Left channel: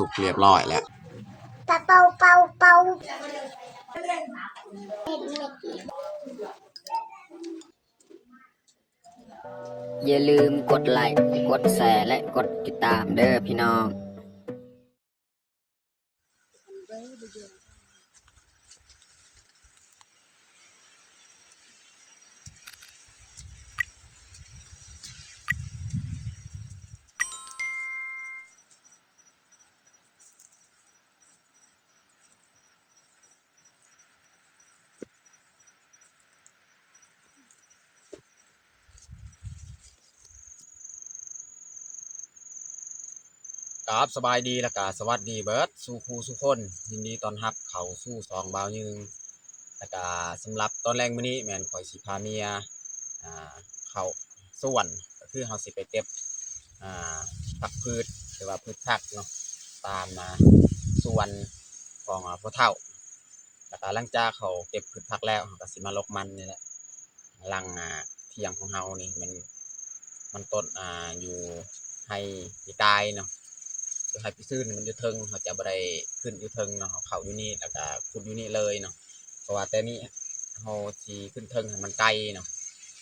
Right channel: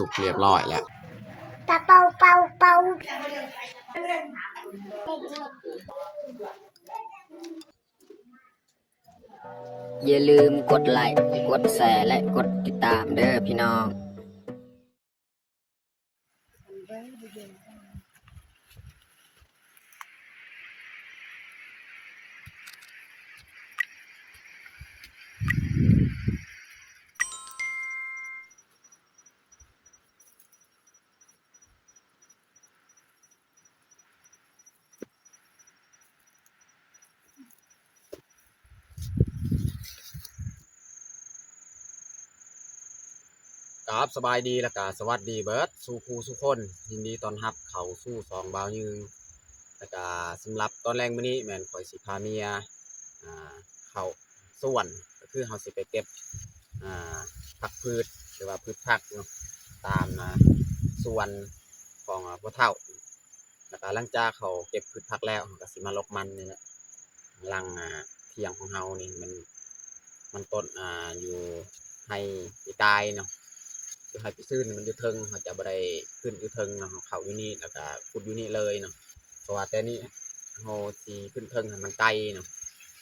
สุกเรียบร้อยแล้วตะเป่าเป่าเป่าอย่าลืมกดไลค์กดแชร์และกดติดตามเด้อพี่น้องครับสบายดีและกาสวัสดีเบิร์ดสู่ครูสู่คนยินดีต้อนรับเข้าสู่ซองบ่าวยืงและกาสำหรับตอนแรกมื้อนี้แม่นข่อยสิพาเมียเข้าสวนก็คือเฮาสิไปเก็บผักพืชหรือว่าพืชผักเนาะตามสวนของพ่อเฒ่าแล้วก็หลังจากเขาเก็บพืชผักแล้วเฮาก็สิมาลกมันนี่แหละหลังเที่ยงของเฮานี่มันต้นอยู่ให้ปีกายเนาะคือให้ไปซื้อมันอยู่เทิงเขาจะบ่ได้ขึ้นอยู่เทิงเนาะเขาอยู่นี่แล้วก็ขุดอยู่นี่เลยเนาะเพราะว่าแต่นี้เฮาสิขึ้นเทิงให้มันไกลเนาะ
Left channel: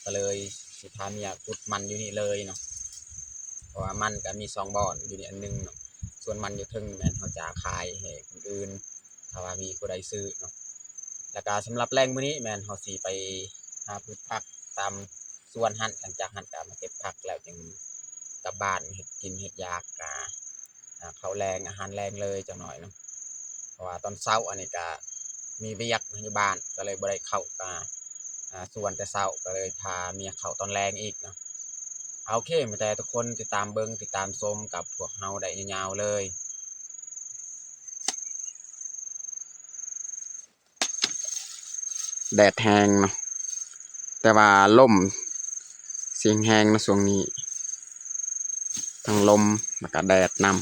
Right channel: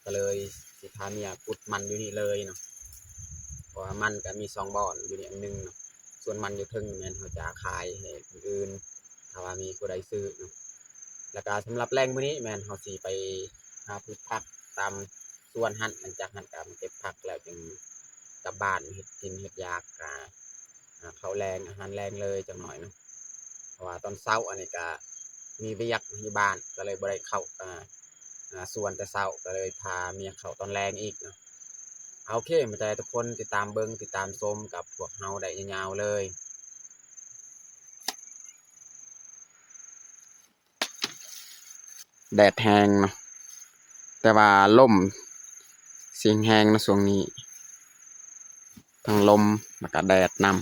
ก็เลยสิพาเมียขุดมันอยู่นี่เลยเนาะเพราะว่ามันก็มี2บ่อนอยู่นี่อันนึงเนาะส่วนมันอยู่เทิงแม่นเฮาจะขายให้คนอื่นถ้าว่ามีผู้ใดซื้อเนาะแล้วก็สำหรับแรงมื้อนี้แม่นเฮาสิไปหาพืชผักตามสวนหั่นหลังจากหั่นก็มาเก็บผักแล้วจึงกลับบ้านเฮ็ดกินเฮ็ดอยากข้าวแรงอาหารแรงเลยจังหน่อยเนาะเพราะว่าตอนเช้าอันนี้ก็มีเวียกอยู่บ้านก็เลยบ่ได้เข้าส่วนแต่เช้าก็เลยพาเมียเข้าตอนแรงอีกเนาะโอเคมาแต่ทุกคนติดตามเบิ่งติดตามชมกับพวกเฮาได้ยาวๆเลยแดดแห้งเนาะแต่ว่าลมเสียงแห้งนะช่วงนี้ทั้งลมแล้วก็แดดนำ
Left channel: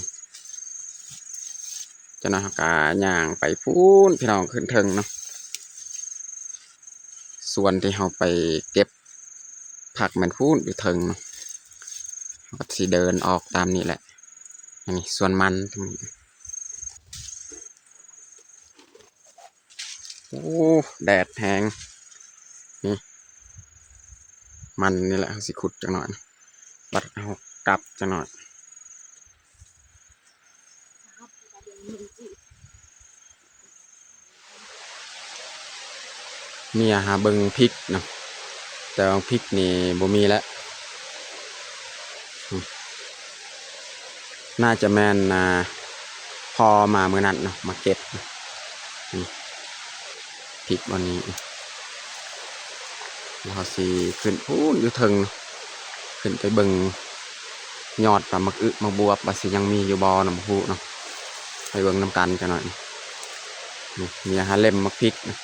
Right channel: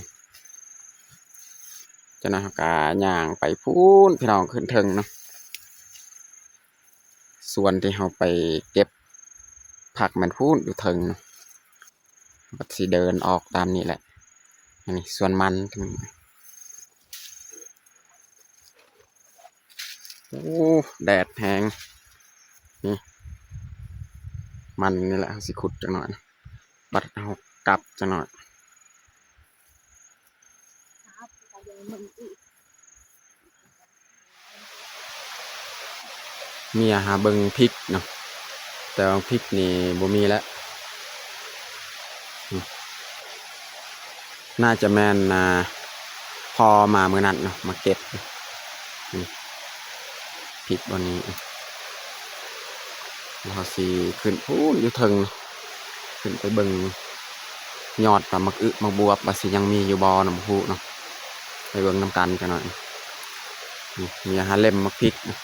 จะนะกาย่างไปพูนพี่น้องขึ้นเทิงเนาะส่วนที่เราไปเก็บผักมันพูนอยู่เทิงเนาะก็สิเดินออกตามนี้แหละอันนี้ส่วนมันตรงนี้โอ้แดดแห้งนี่มันนี่แหละเขาสิขุดจังหน่อยบัดเอากลับจังหน่อยมีหาเบิ่งพริกเนาะแต่ว่าพริกนี่บ่มีแล้วน่าจะแม่นพอมาเมื่อนั้นเนาะมาเก็บนี่พริกวันนี้เราสิขึ้นพูนอยู่เทิงขึ้นไปเบิ่งยอดปลามักอึมักบวบว่าสิยังมีอยู่บ่น้ำพุเนาะไปเบิ่งน้ำกันกันหน่อยนี่มีอาหารเล่มมักพริกนะ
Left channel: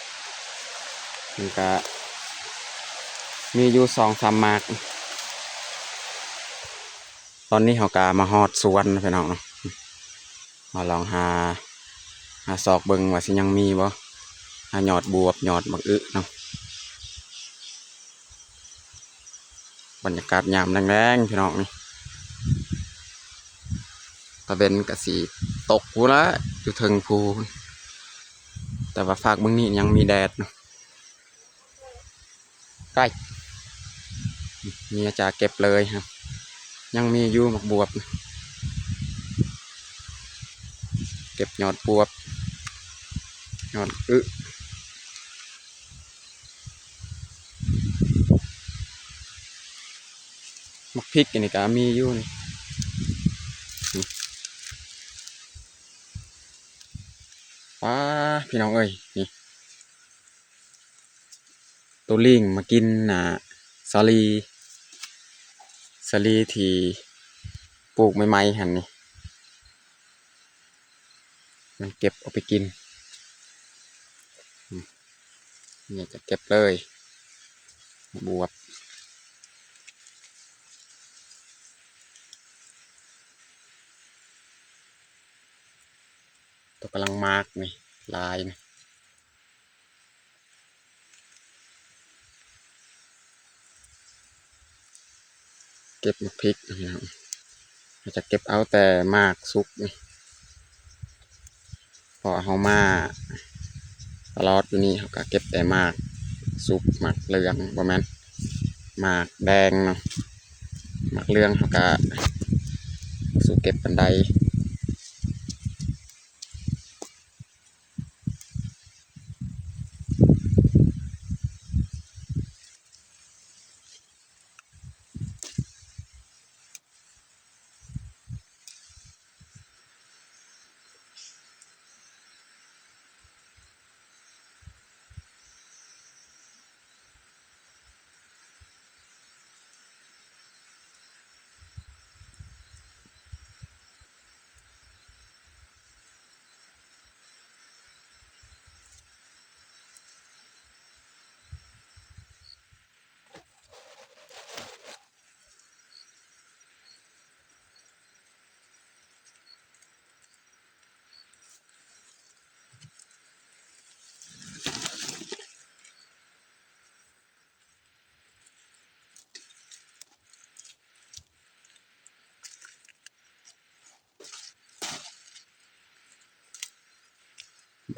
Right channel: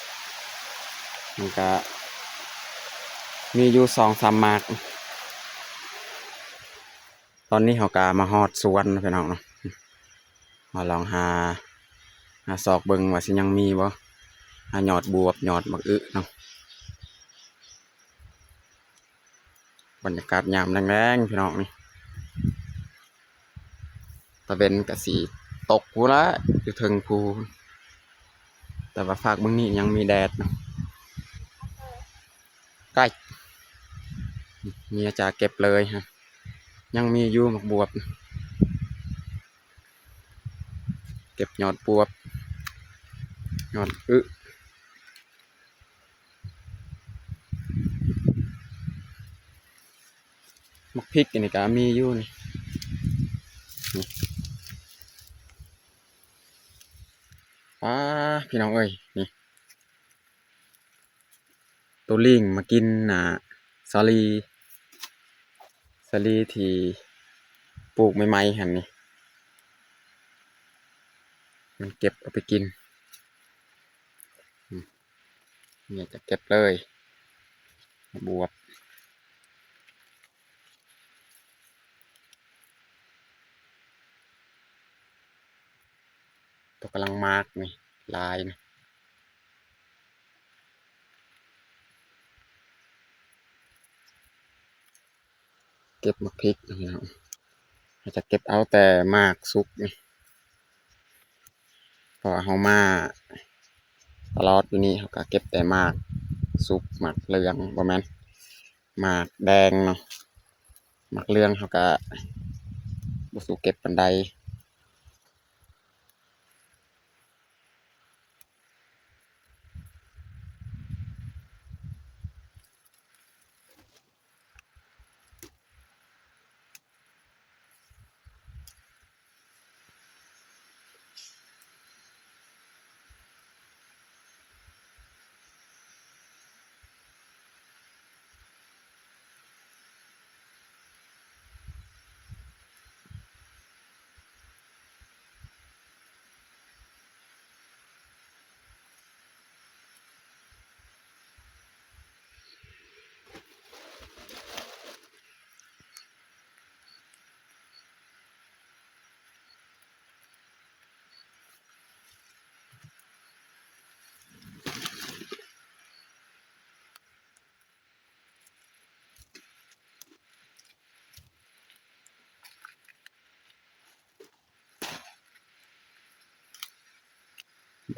มันก็มีอยู่2-3 มากตอนนี้เขาก็มาฮอดสวนพี่น้องเนาะมาลองหาซอกเบิ่งว่าสิยังมีบ่หายอดบวบยอดมักอึเนาะบรรยากาศยามแรงๆพี่น้องนี่ตะเวนกะสีตกพูละอยู่เทิงภูแต่ว่าฝากเบิ่งนี้ยังมีแดดเนาะใกล้เมียจะเก็บเลยครับยังมีอยู่มักบวบเก็บยอดบวบยอดอึมักพริกอันนี้ก็มีอยู่นี่พี่น้องเอ้ยนี่ตัวลิงมากินสาลีที่ปลูกใหม่ๆหันนี่ มันเก็บเอาไปกินเนี่ยจะเก็บเลยบวบตัวกำลังมากนี่ลายนะเก็บมาพริกนะครับเราจะเก็บเอาแต่มากสุกนี่พอเอามาตลอดอยู่นี่เขาก็เก็บแต่มากสุกหมักเหลืองประมาณหมากแดงเนาะหมักเหลืองเขาก็สุกเก็บปันได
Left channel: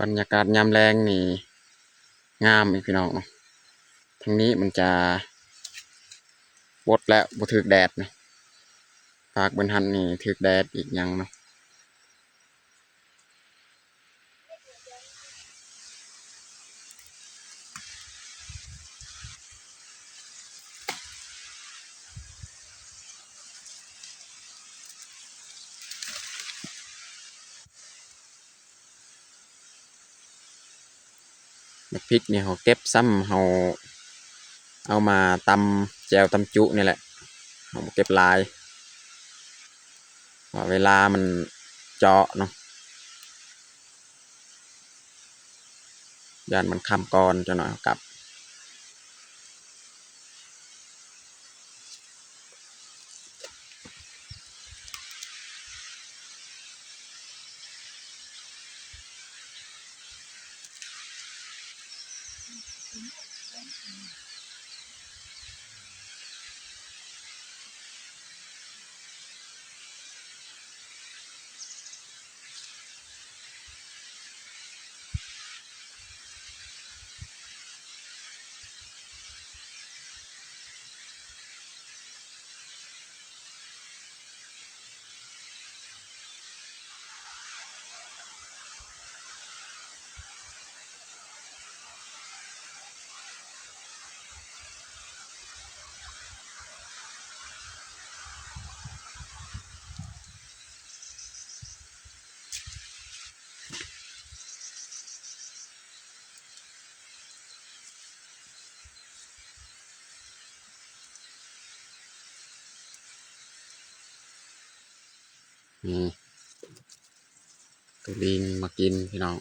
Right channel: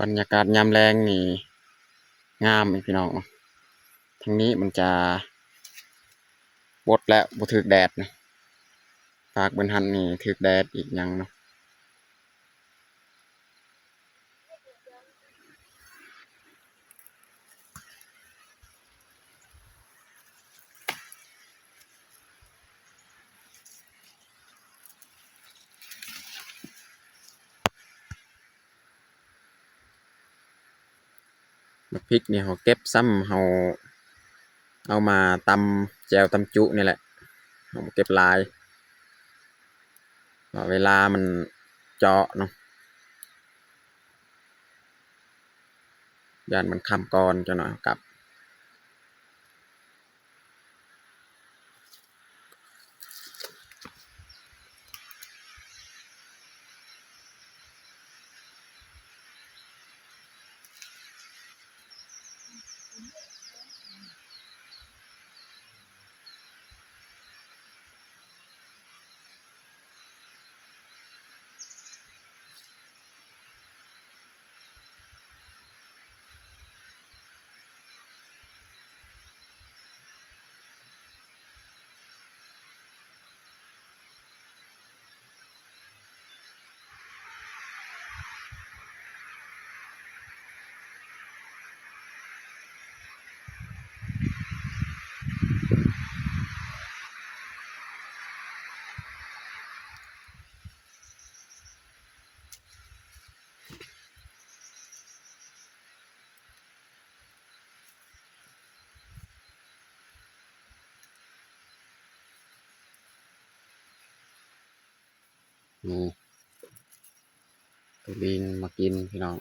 บรรยากาศยามแรงนี่งามอีกพี่น้องทางนี้มันจะบดแล้วบ่ถึกแดดนะฝากเบิ่นหันนี่ถึกแดดอีกยังเนาะบักพริกนี่เขาเก็บซ้ำเขาเอามาตำแจวตำจุนี่แหละเขาบ่เก็บลายเพราะเวลามันเจาะเนาะย่านมันค้ำก่อนจังหน่อยเอากลับนี่ตัวลิงมากินพี่น้อง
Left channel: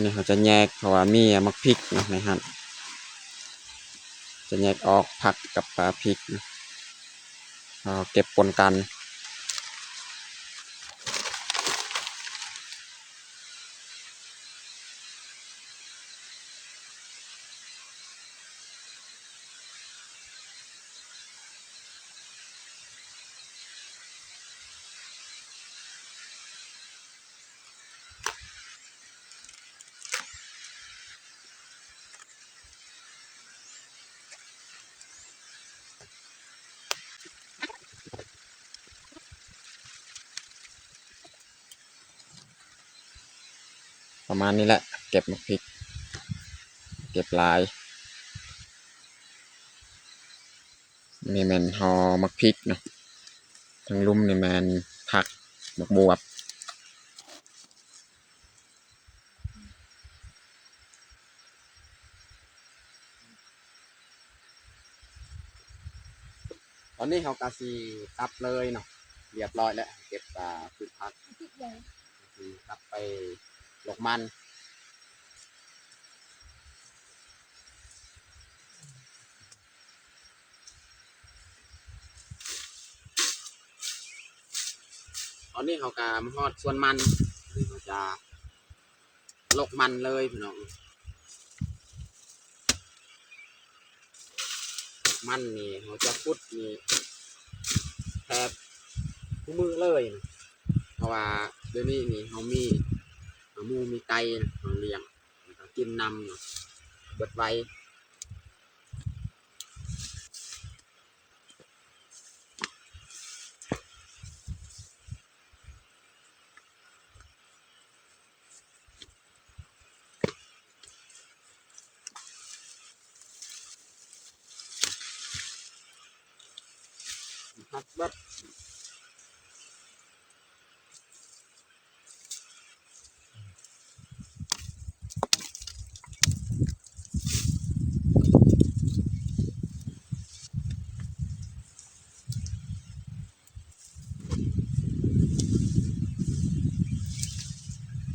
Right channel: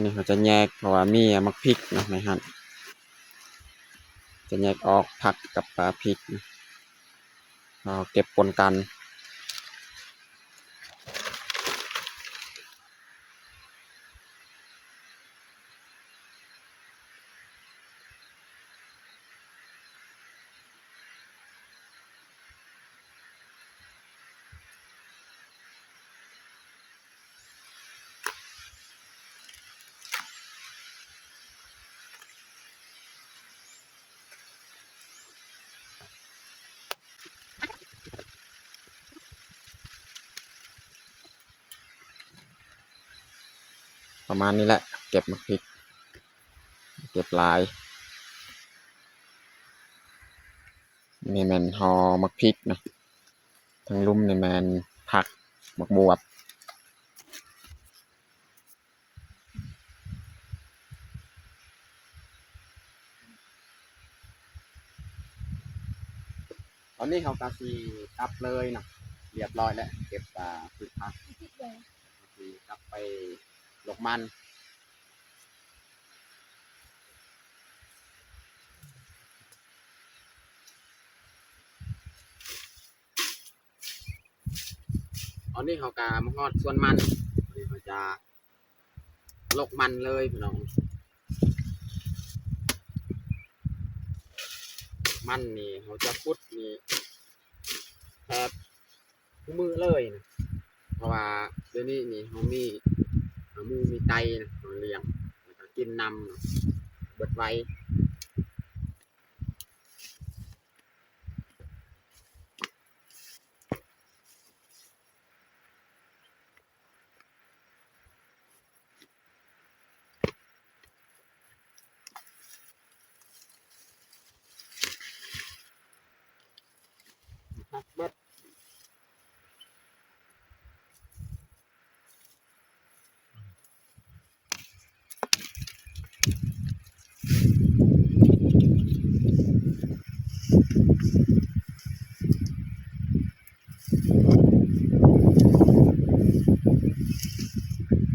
นนี้เขาจะแยกเพราะว่ามีมักพริกเนาะในหั่นจะแยกออกผักกับพริกนะเราเก็บปนกันประมาณนี้แหละเก็บมักพริกเก็บลายนี่แมนหอมักพริกเนาะทั้งลุ่มนี่แมนผักมักบวบตอนนี้เขากาซีกลับเลยเนาะเรียบร้อยแล้วเก็บพืชผักสีกลับไปหลกมันตอนนี้เขากามาฮอดส่วนมันนี่เขาจะหลกมันเลยพี่น้องมันนี่เขาจะพุดนี่แทบทุกมือเลยนะเพราะว่าเดี๋ยวนี้นี่เขามีหมูมีไก่นะเขาเลี้ยงแล้วก็กินนำเนาะเบิดไว้พักเบิด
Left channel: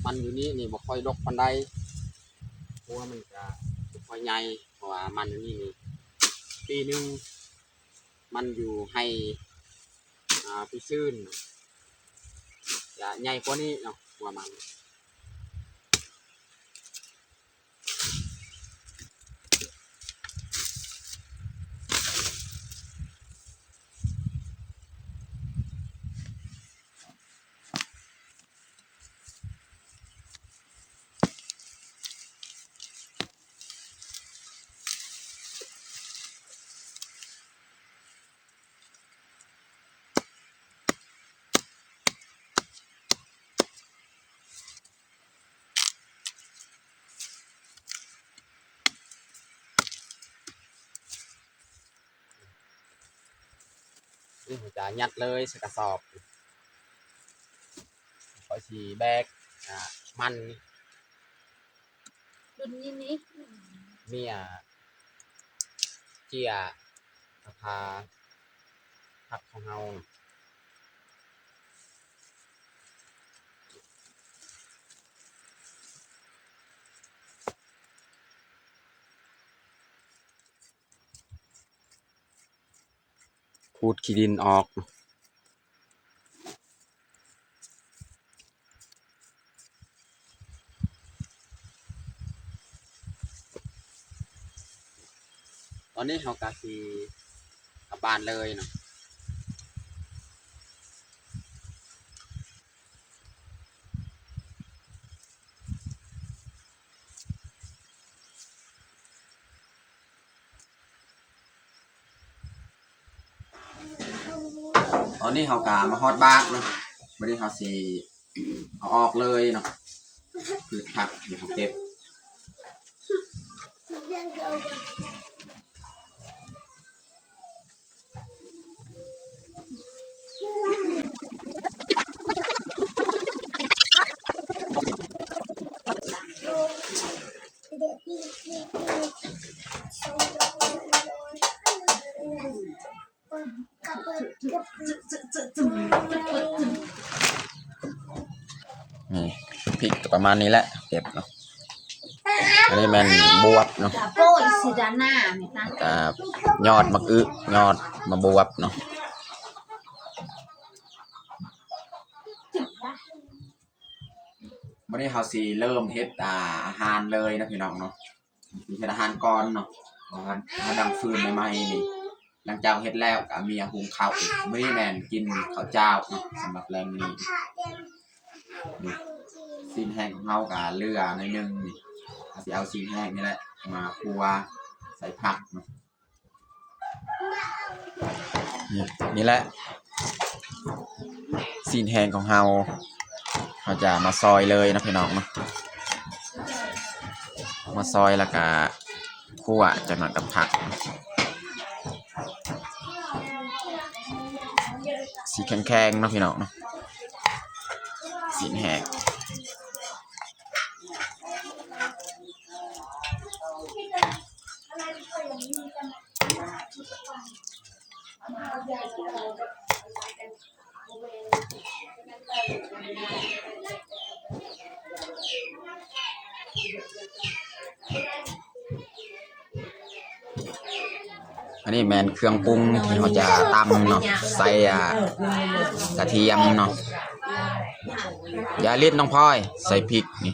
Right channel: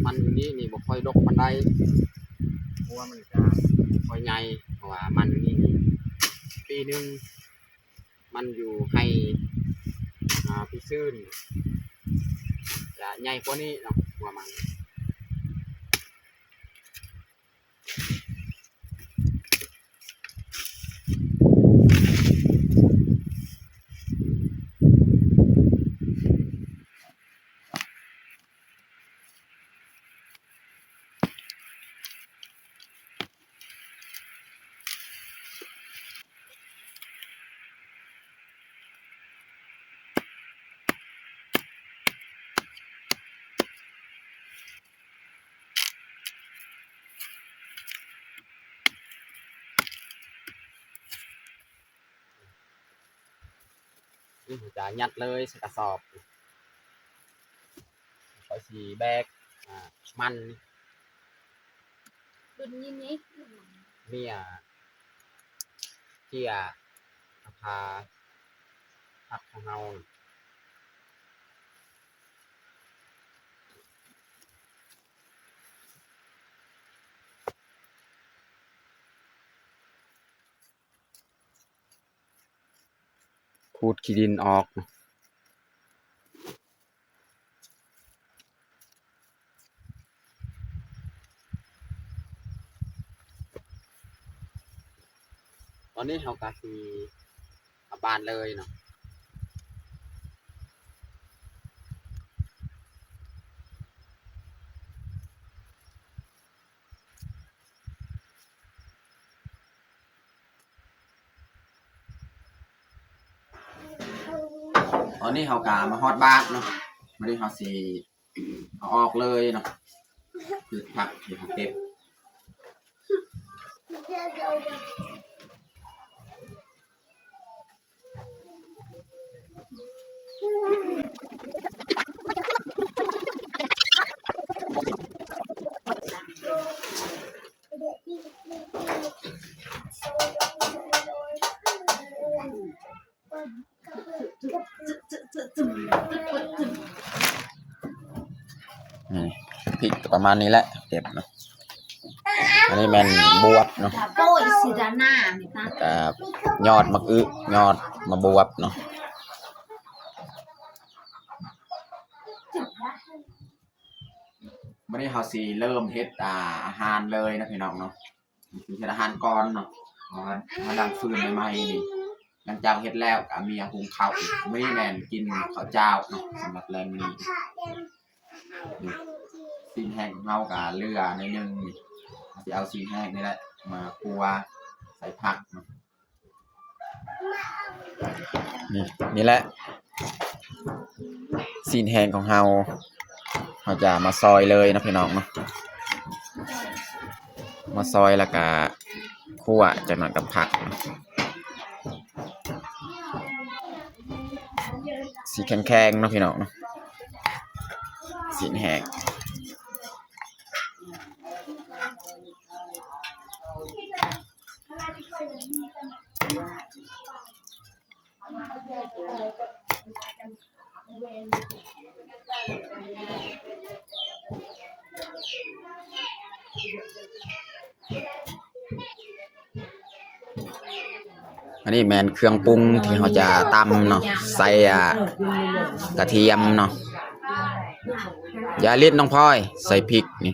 มันอยู่นี่นี่บ่ค่อยดกปานใดเพราะว่ามันจะค่อยใหญ่เพราะว่ามันอยู่นี่ปีหนึงมันอยู่ให้พี่ซื่นจะใหญ่กว่านี้เนาะหัวมันนี่จะยัดเลยใส่กระสอบคอยสีแบกมันเนี่ยเจียพาผักของเราขูดขี้ดินออกตอนนี้เรากาซีกลับบ้านเลยเนาะตอนนี้เรากามาฮอดบ้านเนาะไม่ได้เขาสีเอาออกเลยเนาะพืชผักเดี๋ยวเขาเก็บนี่พริกประมาณนี้แหละเก็บเนาะ นนี้แม่นบวบเนาะ โป้ยสิดาหน้านี่นะ กับยอดมะอึยอดมะบวบเนาะวันนี้เฮาสิเริ่มเฮ็ดอาหารเลยนะพี่น้องเนาะเฮ็ดอาหารก่อนเนาะเฮาดังฟืนใหม่ๆนี่หลังจากเฮ็ดแล้วก็มีหุงข้าวอีกมื้อนี้แม่นกินข้าวเจ้าเนาะสำหรับแรงมื้อนี้นี่ซีนแห้งของเฮาก็เหลือหน่อยนึงนี่สิเอาซีนแห้งนี่แหละมาคั่วใส่ผักเนาะนี่แหละซีนแห้งของเฮาจะมาซอยเลยนะพี่น้องเนาะมาซอยแล้วก็คั่วจากนั้นกับผักสีแข็งๆนะพี่น้องเนาะซีนแห้งอันนี้แมนเครื่องปรุงที่เขาจะตำเนาะใส่กระเทียมเนาะยาลิดน้องพลอยใส่พริกนี่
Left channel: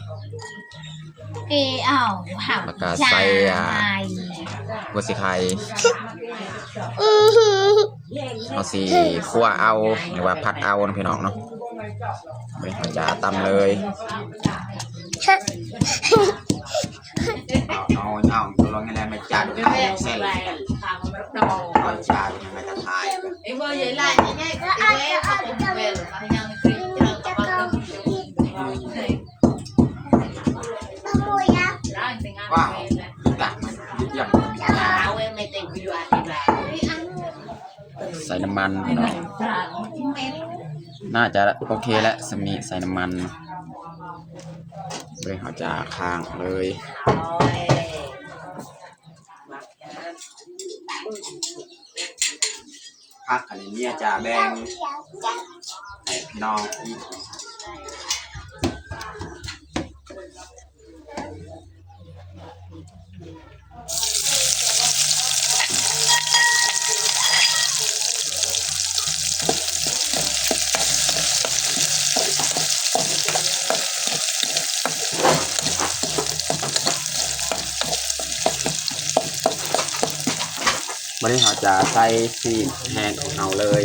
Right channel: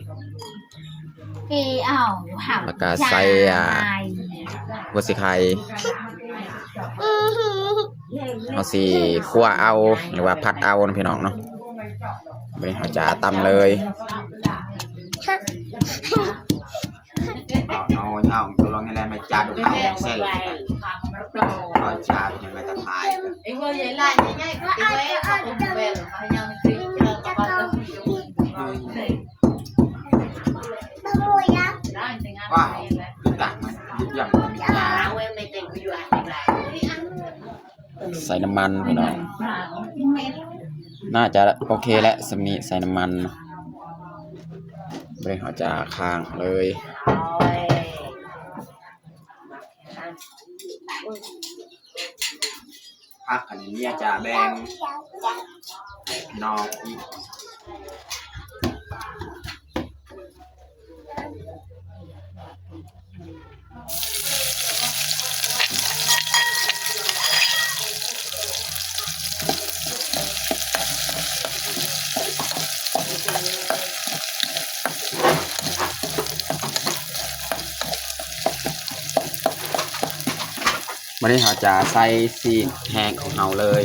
เอาหับ แล้วก็ใส่หัวสิไข่เอาสีคั่วเอาหรือว่าผัดเอานะพี่น้องเนาะไม่ได้เขาจะตำเลยเอาตัวลงนี่แหละไม่จ่าดูเขาเส้นเอาจ่ายังไงจะทายว้าวตักมันยึดย่ำมีงาใส่น้ำมันพี่น้องน่าจะโอเคแล้วสำนีใส่น้ำมันเบรกเขาจะค้างเลยพักอันนี้เนี่ยจะแบ่งให้พี่น้องอีกวันนี้เราจะใส่ซีนแห้งของเราเลย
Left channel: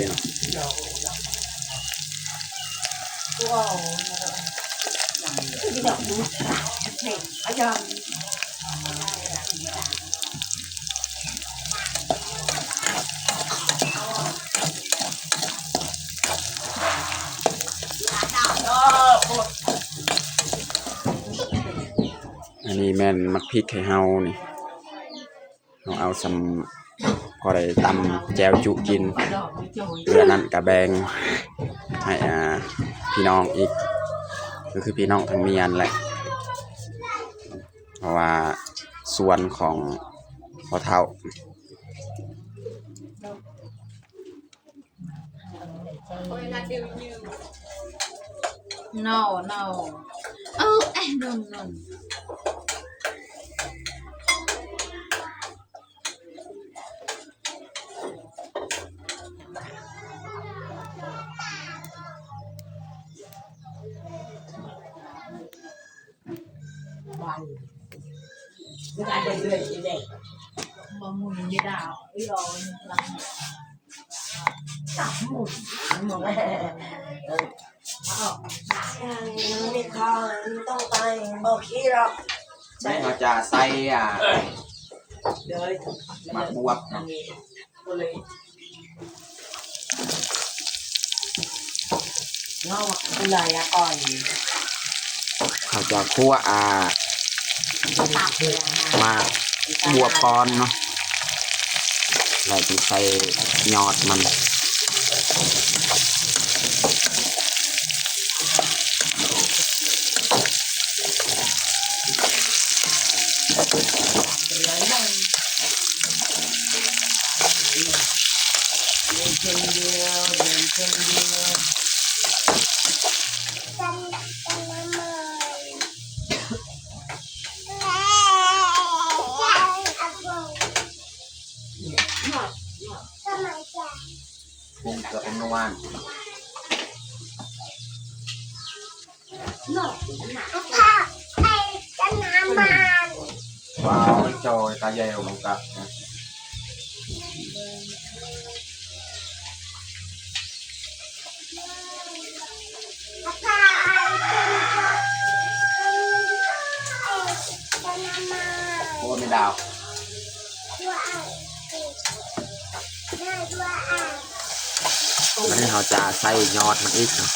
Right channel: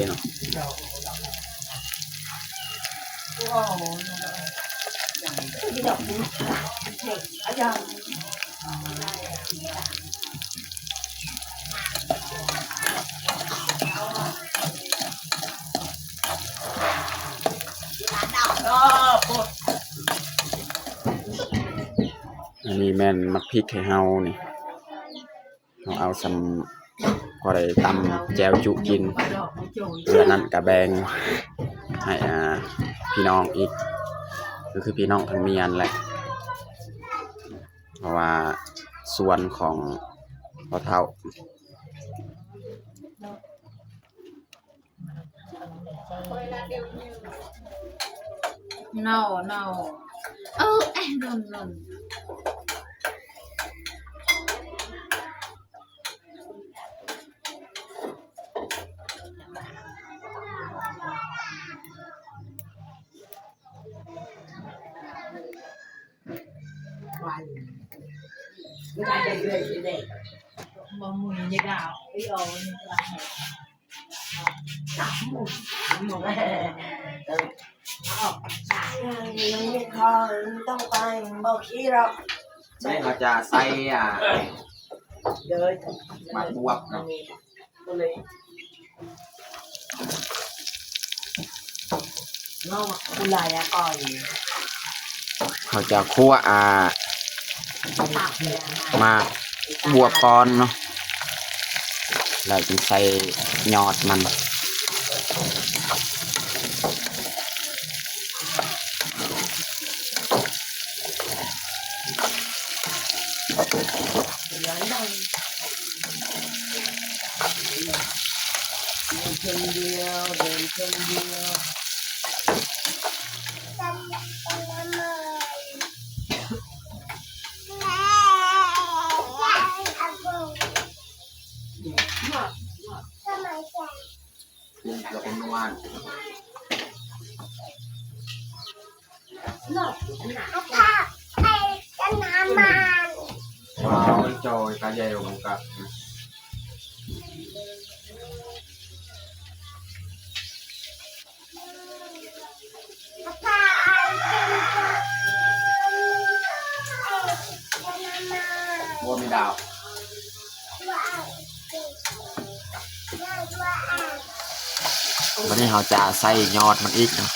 อันนี้แม่นมักพริกให้เฮานี่เราเอาสำพอได้ตำแจวจุกินเรือนั้นกับแบงให้พี่น้องอีกก็คือพี่น้องทางเมียนแหละเพราะว่าส่วนของพ่อเฒ่าno no ไม่ได้ไปเลยเด็กบะหมี่ยี่ดาวไอ้เราหลังสามหมุนหมดเลยมีข้าวต้องไปบอกขี้เรา ไม่เขาจะใส่เดิน มาบวบเนาะ เลยนอกคือลายก่อย เขาจะคั่วมาบวบก่อนเนาะแล้วจึงใส่ยอดมัน มื่อวานว้าวจอยกาเยลของกับโอ้ไม่ดาวอันนี้เราจะใส่ยอดมันอีกนะ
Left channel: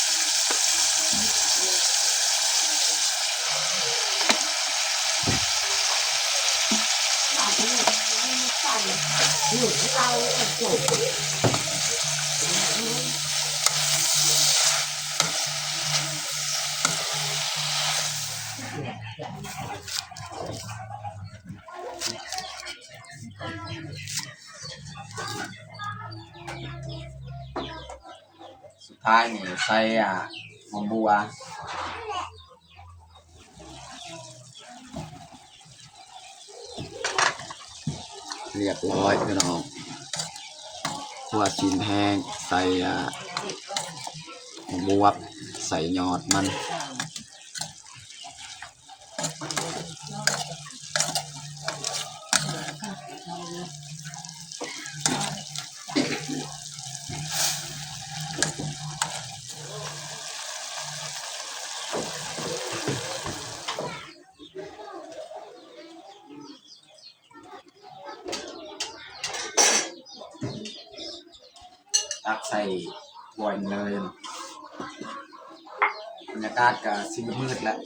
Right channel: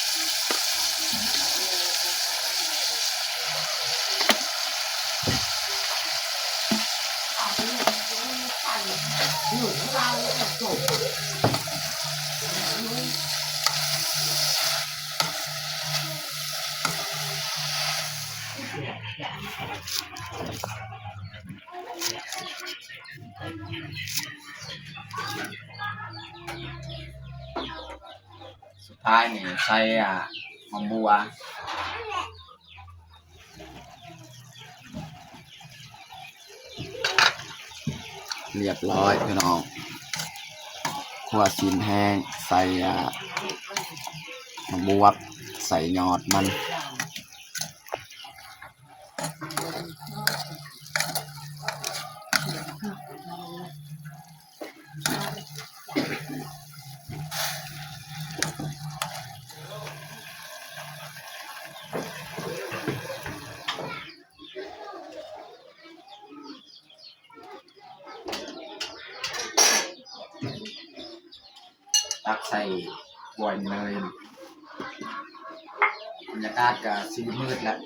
สุดท้ายนี่ใส่หอมบัวเรียบร้อยพี่น้องคั่วชิ้นแห้งใส่หอมบัวใส่ยอดมันตักใส่ถ้วยเลยบรรยากาศก็สีมืดแล้ว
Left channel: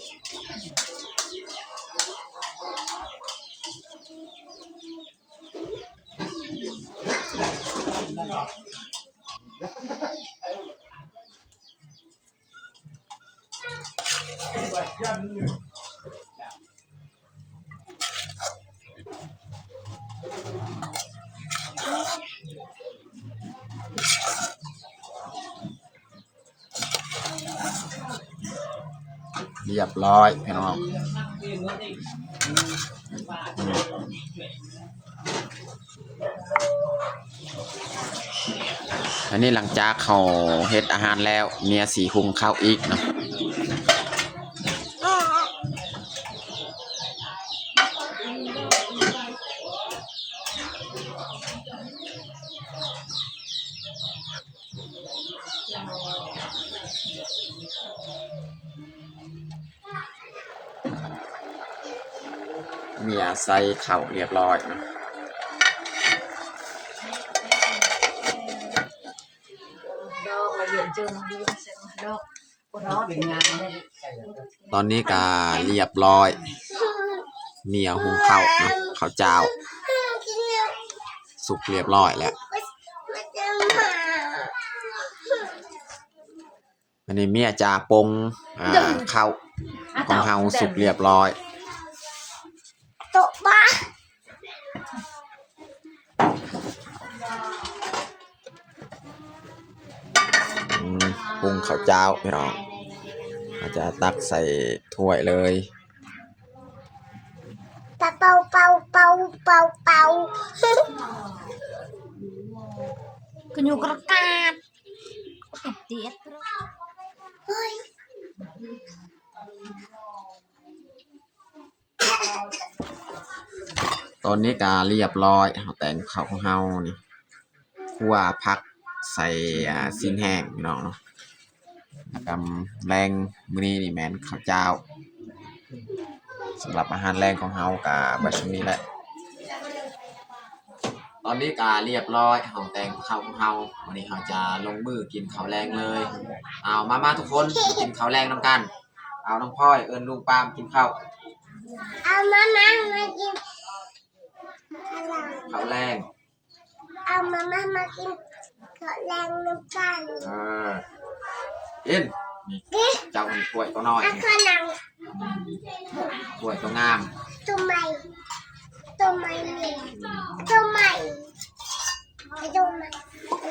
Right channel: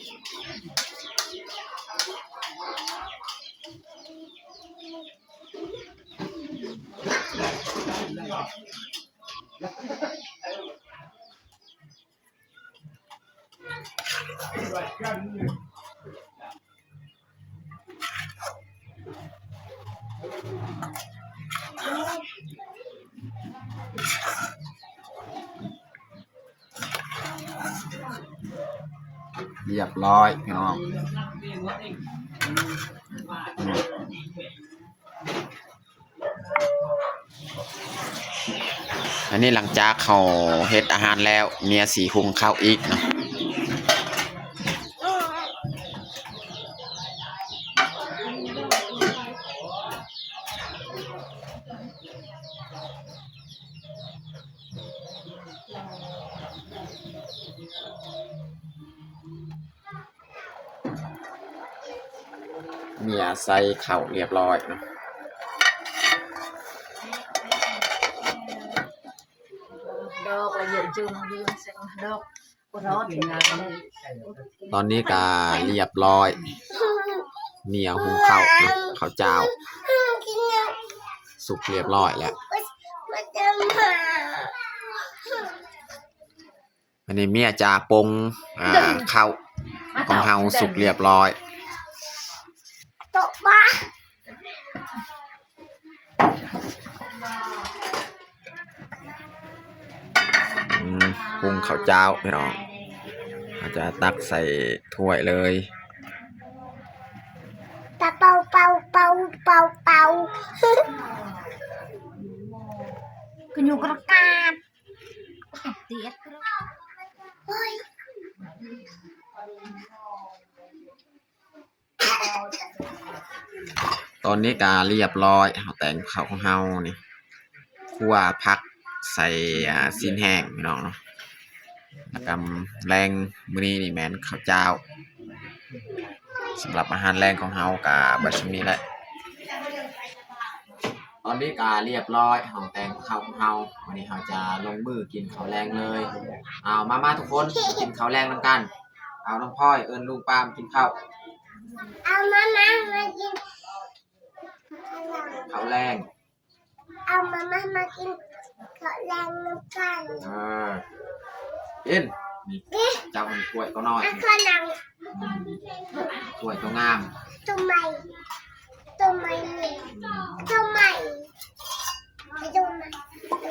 เรียบร้อยพี่น้องอันนี้หลังจากเขาเฮ็ดอาหารแล้วเมียสีหุงข้าวอีกเนาะเมียใส่ข้าวเรียบร้อยเนาะดอกละเอียดจนดูเสร็จดอกร้อนงานเลย ตอนนี้ก็เรียบร้อยเมียหุงข้าวเนาะข้าวเจ้าสุกเรียบร้อยแล้วอันนี้เมียจ่าปงข้าวของเฮาสุกเรียบร้อยปรุงข้าวเจ้าพี่น้องอาจจะตักใส่ถ้วยเลยเป่าเป่าเป่าเป่าเป่าเป่าก็อยู่กระกาดเตียดเฮ้ยตอนนี้ก็เรียบร้อยเอาแต่งข้าวของเฮานี่คั่วผักใส่ซีนแห้งพี่น้องเนาะแล้วก็แรงมื้อนี้นี่แม่นข้าวเจ้าสำหรับอาหารแรงของเฮาก็บัดนี้แหละตอนนี้ก็เรียบร้อยเฮาแต่งข้าวของเฮาวันนี้เฮาจะลงมือกินข้าวแรงเลยเอามาทุกคนกินข้าวแรงนํกันเอาน้องพลอยเอิ้นลุงปามกินข้าวเอามากินข้าวแรง เอามากินข้าวแรงน้ำกันกินนี่เจ้าคนถ้วยก็น้อย อันข้าวหนัง ถ้วยก็งาม ตัวใหม่นี่ตัวใหม่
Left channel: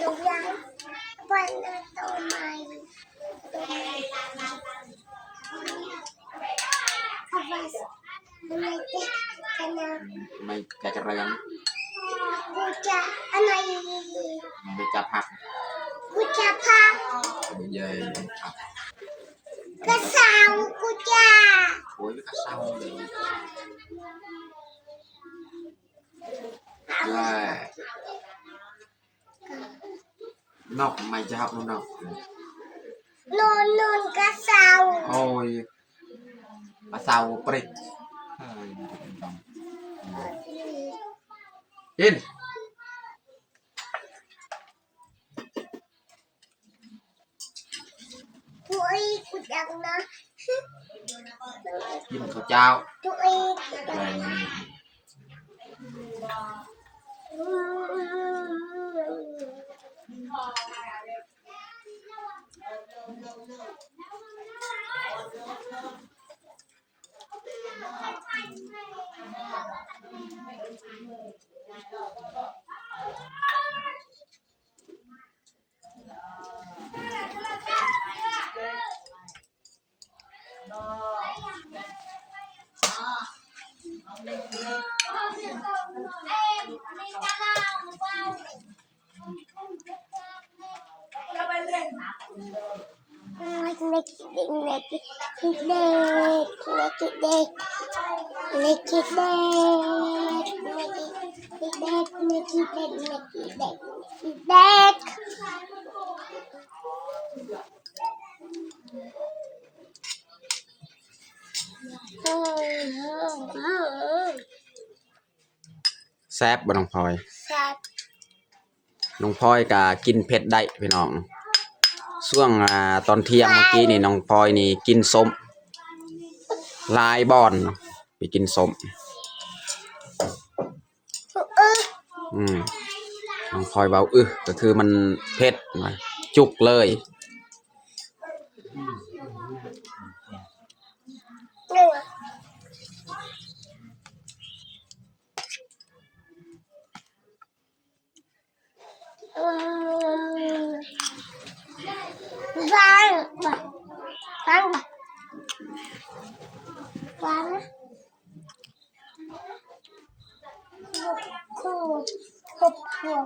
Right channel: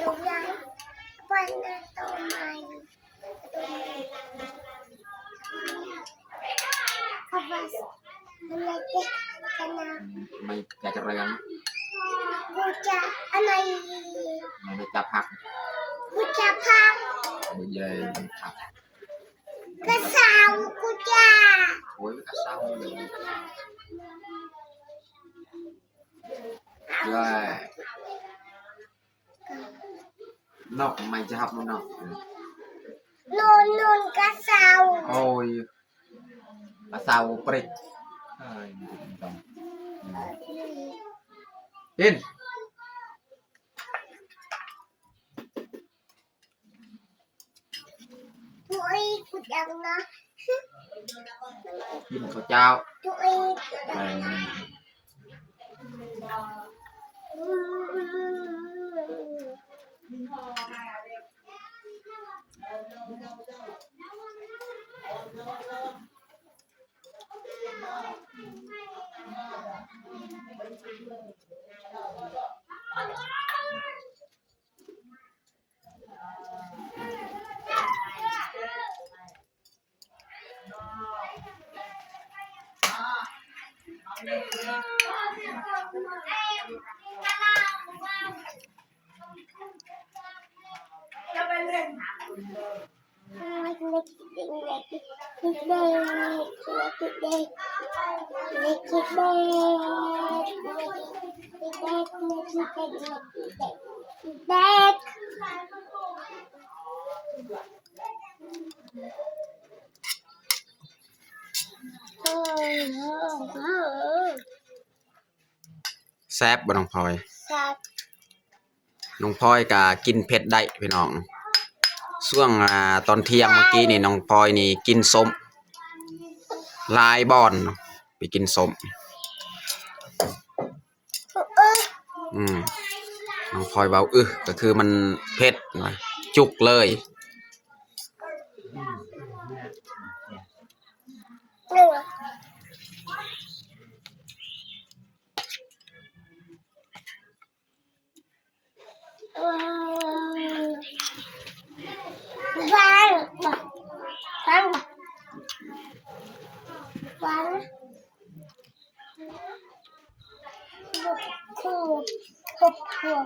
ดูยังวันนั้นตัวใหม่ข้าวผัดอะไรเด็กกันนะไม่แกจะเรียงกูจะอะไรไม่ไปจับผัก กูจะพัก bữa giờ học กระสาวกูจะ cuối với cả sau rồi nọc mày cho học luôn nọc นูนกระสาว ôi cả sau break in ตัวเองกูจังนะ in khẩu trao ตัวเองกูจัง này เล็กเล็กเล็กเล็กเล็กเล็กเล็กเล็กเล็กเล็ก แซ่บบ่น้องพลอย ครับ น้องพลอยก็กินเผ็ดได้พี่น้องช่วงตอนเที่ยงเมื่อกี้นี่น้องพลอยนี่กินส้มลายบอนเนาะไปกินส้มน้องพลอยเบาก็คือมันเผ็ดนะจุกเลย ฟังคู่ครอบครัว